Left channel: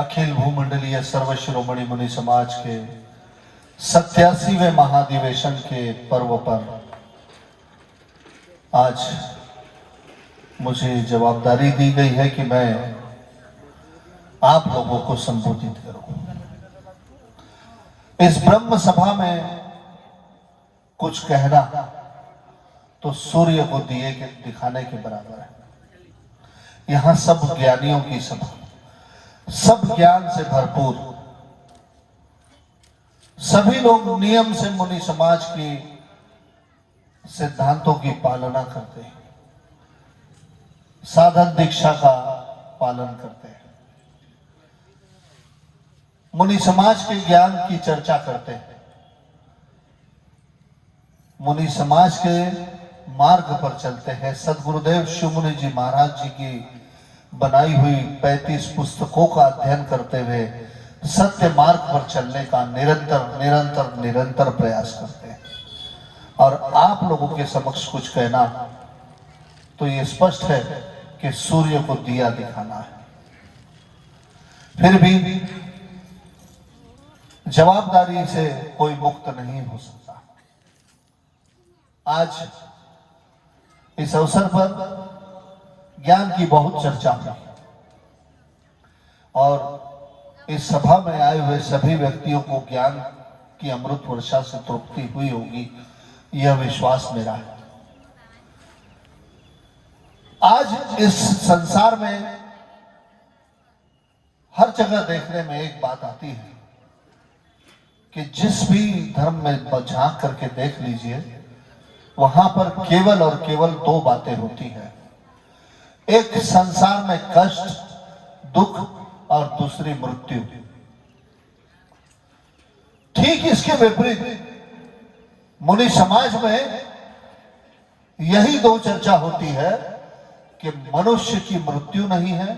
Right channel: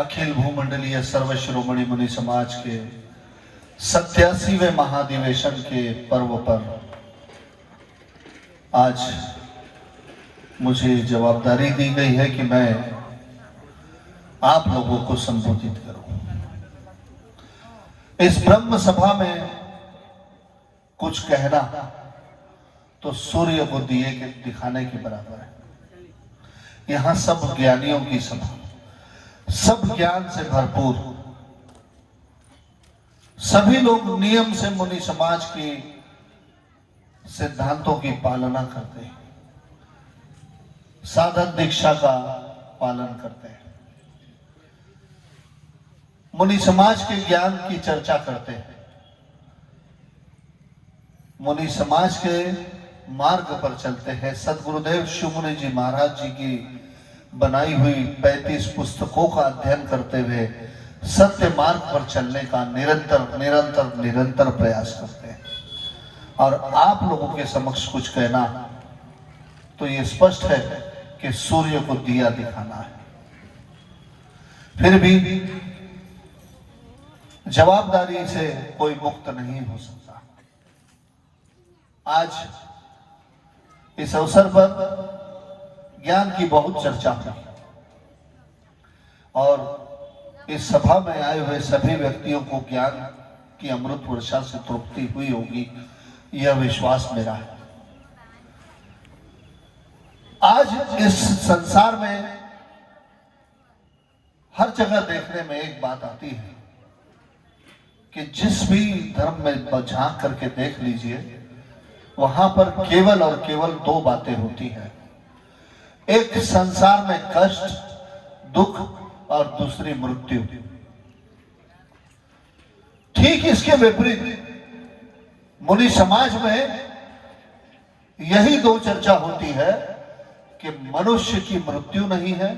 अखिल भूमंडलीय सर्वशिरोमणि मुनि समाज के 87वें महाधिवेशन के पर्व पर आज मुझे जवाबदारी दी गई है कि मैं आप लोगों को संबोधित करूं। इस ब्रह्म सभा में कुछ कहना तो सूर्य को दिए के दिखाने के बराबर है। यहां सब ज्ञानियों की सभा, सब ज्ञान से भरपूर, सभी लोग नियम से मुनि समाज की सिद्धांतों की पालना करते हैं, साधन दीक्षा का पालन करते हैं, मुनि समाज के ज्ञान की चर्चा करते हैं, मुनि समाज के मार्ग पर चलते हैं। सदगुरुदेव शिव मुनि जी महाराज जी की बनाई हुई 35 पुस्तकों का अध्ययन करते हुए सत्य मार्ग पर चलने का निरंतर प्रयास करते हैं। और आप लोगों के समक्ष कुछ कहना तो ये स्पष्ट है कि सूर्य को दिया दिखाना है। फिर भी जवाबदारी से कोई मुक्त नहीं हो सकता। आज इस अवसर पर ज्ञान की बहुत चर्चा हुई और इस सभा में आए हुए सभी व्यक्तियों को ज्ञान की अमृत वर्षा से तृप्ति हुई होगी, यह विश्वास मेरा है। आज इस संसार में हर जगह देखने में एक बात आती है कि जिस भी धर्म में झांक करके देख लीजिए, वहां पर केवल और केवल दो बातें होती हैं। एक संसार में कष्ट, दुख और दूसरी मृत्यु। ठीक इसके विपरीत मुनि समाज में यही दो चर्चा होती है कि मनुष्य की मृत्यु नहीं है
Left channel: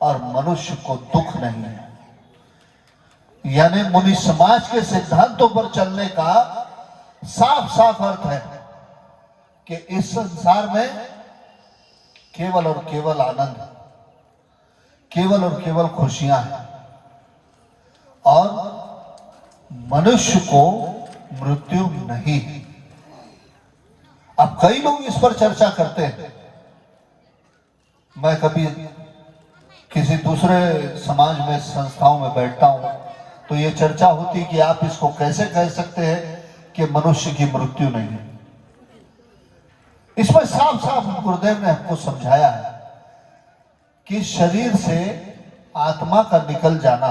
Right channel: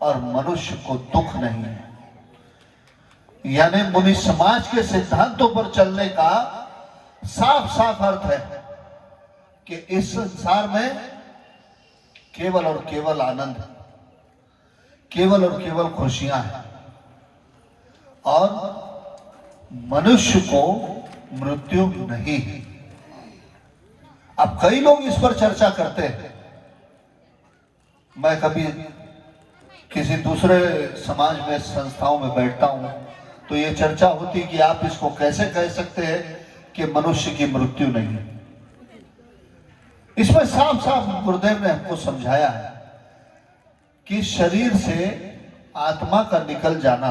और मनुष्य को दुख नहीं है। यानी मुनि समाज के सिद्धांतों पर चलने का साफ साफ अर्थ है कि इस संसार में केवल और केवल आनंद, केवल और केवल खुशियां हैं और मनुष्य को मृत्यु नहीं है। अब कई लोग इस पर चर्चा करते हैं। मैं कभी किसी दूसरे समाज में, संस्थाओं में बैठता हूं तो यह चर्चा होती कि आप इसको कैसे कह सकते हैं कि मनुष्य की मृत्यु नहीं है। इसमें साफ साफ गुरुदेव ने हमको समझाया है कि शरीर से आत्मा का निकल जाना,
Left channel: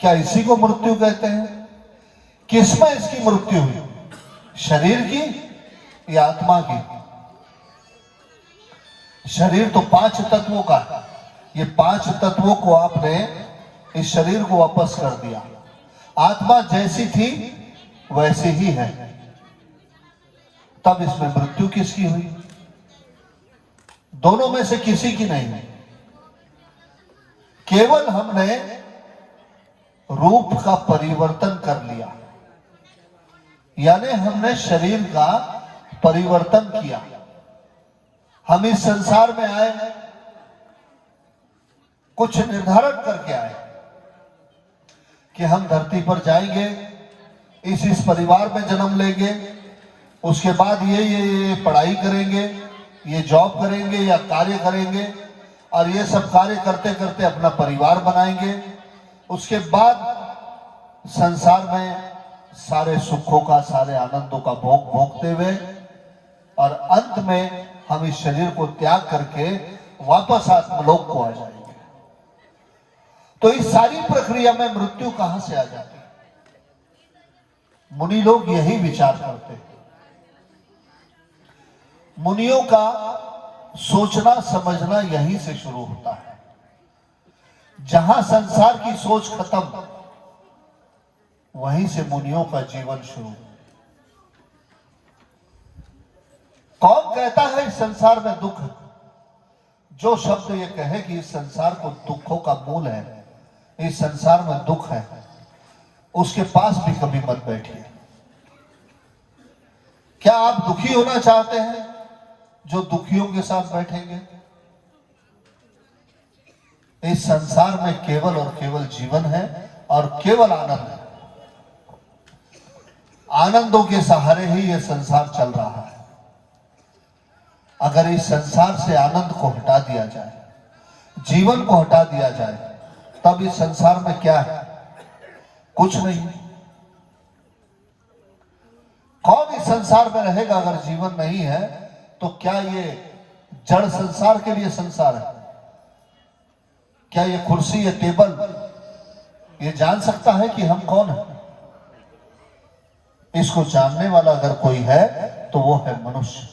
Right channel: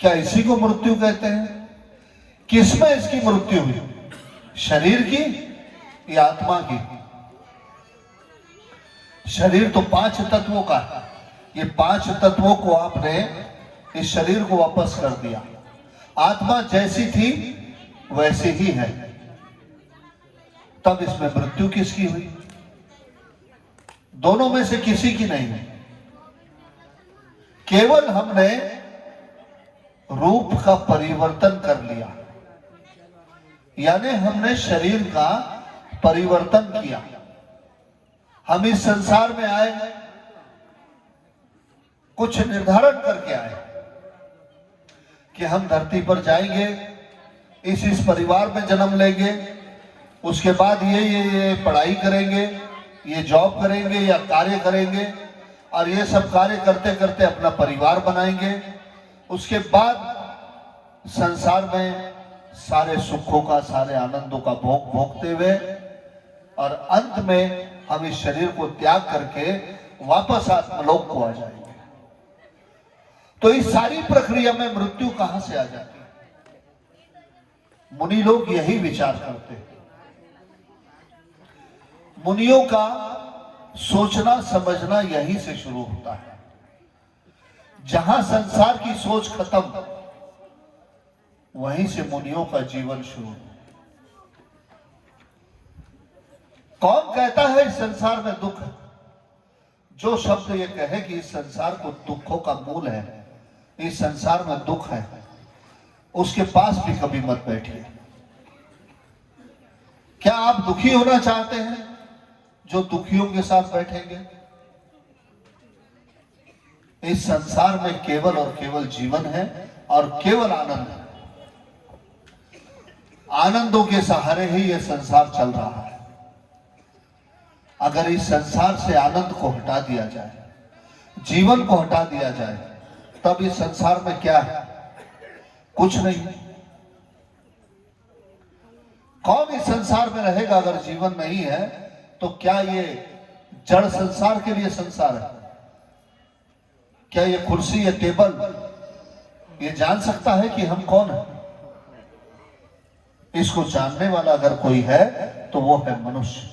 क्या इसी को मृत्यु कहते हैं? किसमें इसकी मृत्यु हुई, शरीर की या आत्मा की? शरीर तो 5 तत्वों का, ये 5 तत्वों को आपने इस शरीर को वापस कर दिया। आत्मा जैसी थी वैसी ही है, तब इसमें मृत्यु किसकी हुई? दोनों में से किसी की नहीं है। केवल हमने रूप का परिवर्तन कर लिया, यानी हमने शरीर का परिवर्तन किया। हम इस संसार में आए, कुछ निर्धारण करके आए कि हम धरती पर जाएंगे, इस परिवार में जन्म लेंगे, उसके बाद ये पढ़ाई करेंगे, ये जॉब करेंगे या कार्य करेंगे और ये सब कार्य करते करते अपना परिवार बनाएंगे। उसके बाद संसार में सारे सुखों का, सारे आनंदों का भोग भोगते हुए और अंत में हम इस शरीर को त्याग करके वापस आत्मलोक को आ जाएंगे। तो इस सारी प्रक्रिया में मृत्यु कहां से आ जाती है? मुनि लोग यही विचार करते हैं। मुनियों का सोचना समझना यहीं से शुरू होता है। जहां संसार की सोच खत्म, वहीं से मुनियों का जीवन शुरू। कौन कहता है इस संसार में दुख? जो शब्द ये कहे कि इस संसार को दुखों का मूल है, इस संसार में दुख है, उसके पास भी कभी मत बैठिए। क्या आप दुखी होना चाहते हैं जो दुखियों के साथ बैठेंगे? इस संसार में केवल और केवल जीवन है और केवल आनंद है। आनंदों के सहारे ही यह संसार चल रहा है। अगर इस संसार से आनंद को हटा दिया जाए, जीवन को हटा दिया जाए, तब इस संसार में क्या है? कुछ नहीं। कौन इस संसार में रहेगा अगर जीवन नहीं है? तो क्या ये जड़ संसार के लिए संसार है? क्या ये कुर्सी या टेबल ये जान सकता है कि हम कौन हैं? इसको जानने वाला अगर कोई है तो वो है मनुष्य।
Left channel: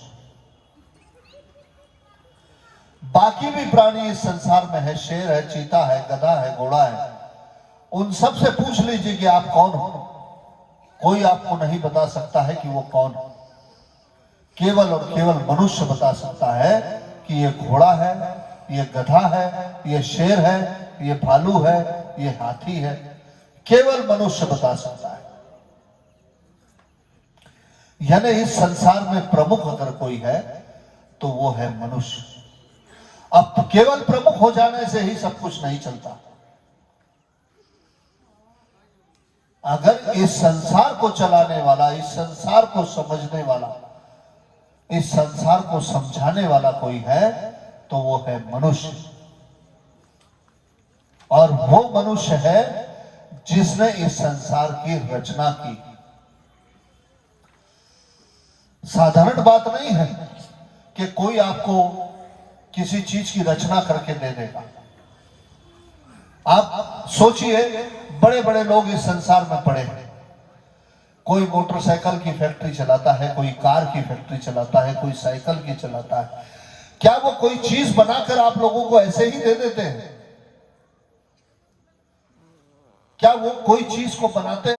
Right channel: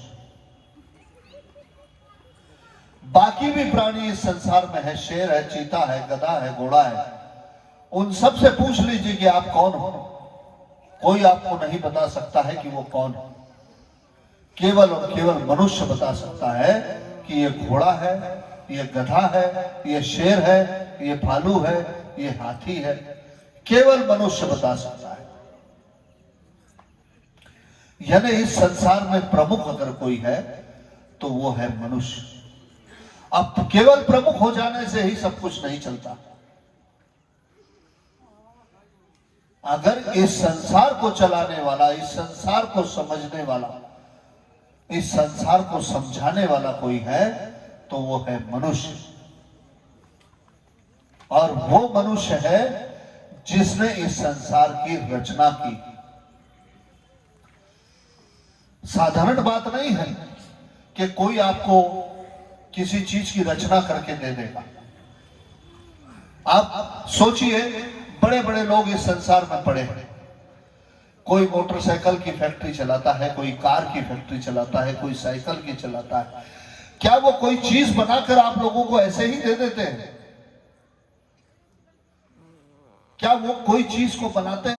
बाकी भी प्राणी इस संसार में है, शेर है, चीता है, गधा है, घोड़ा है। उन सब से पूछ लीजिए कि आप कौन हो, कोई आपको नहीं बता सकता है कि वो कौन है। केवल और केवल मनुष्य बता सकता है कि ये घोड़ा है, ये गधा है, ये शेर है, ये भालू है, ये हाथी है। केवल मनुष्य बता सकता है। यानी इस संसार में प्रमुख अगर कोई है तो वो है मनुष्य। अब केवल प्रमुख हो जाने से ही सब कुछ नहीं चलता। अगर इस संसार को चलाने वाला, इस संसार को समझने वाला, इस संसार को समझाने वाला कोई है तो वो है मनुष्य। और वो मनुष्य है जिसने इस संसार की रचना की। साधारण बात नहीं है कि कोई आपको किसी चीज की रचना करके दे देगा। आप सोचिए, बड़े बड़े लोग इस संसार में पड़े हैं। कोई मोटरसाइकिल की फैक्ट्री चलाता है, कोई कार की फैक्ट्री चलाता है, कोई साइकिल की चलाता है। क्या वो कोई चीज बनाकर आप लोगों को ऐसे ही दे देते हैं? क्या वो कोई चीज को बनाते